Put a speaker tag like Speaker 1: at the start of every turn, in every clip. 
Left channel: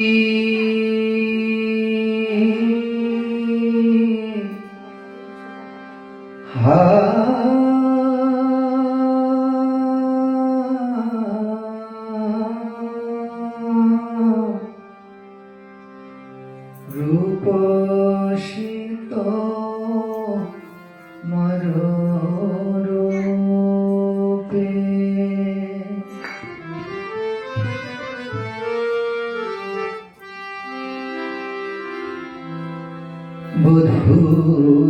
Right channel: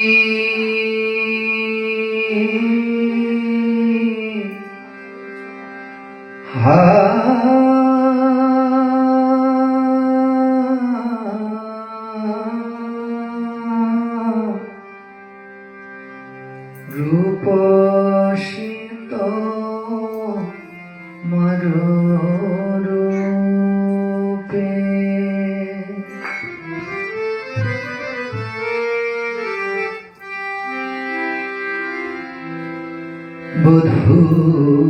Speaker 1: Thank you. Ooh.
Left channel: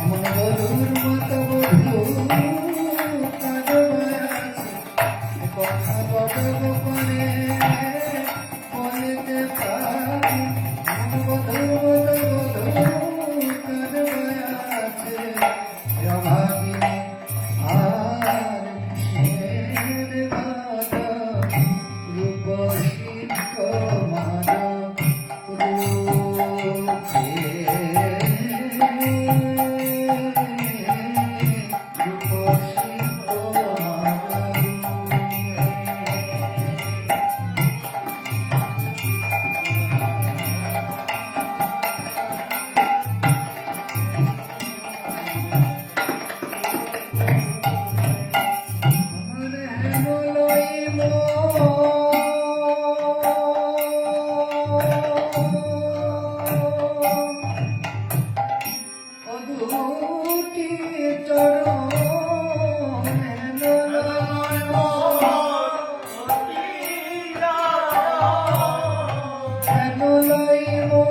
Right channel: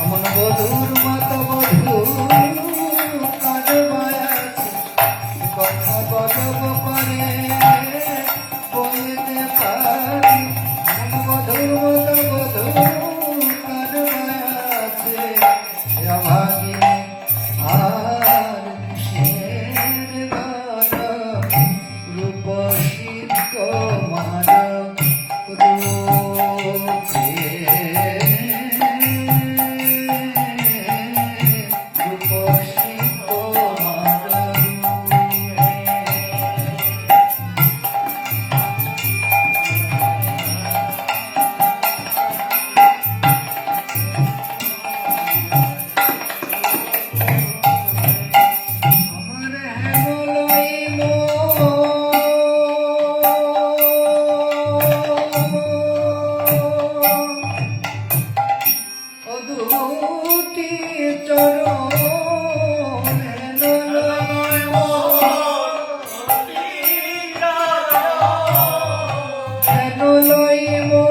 Speaker 1: অমন বধুর মন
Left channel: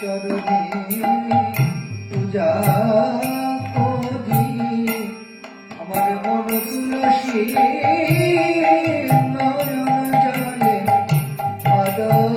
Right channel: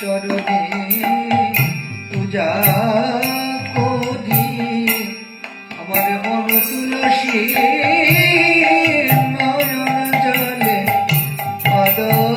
Speaker 1: চরণে পূজা করি। আমার মন তুলসী নয়ন জলে আদর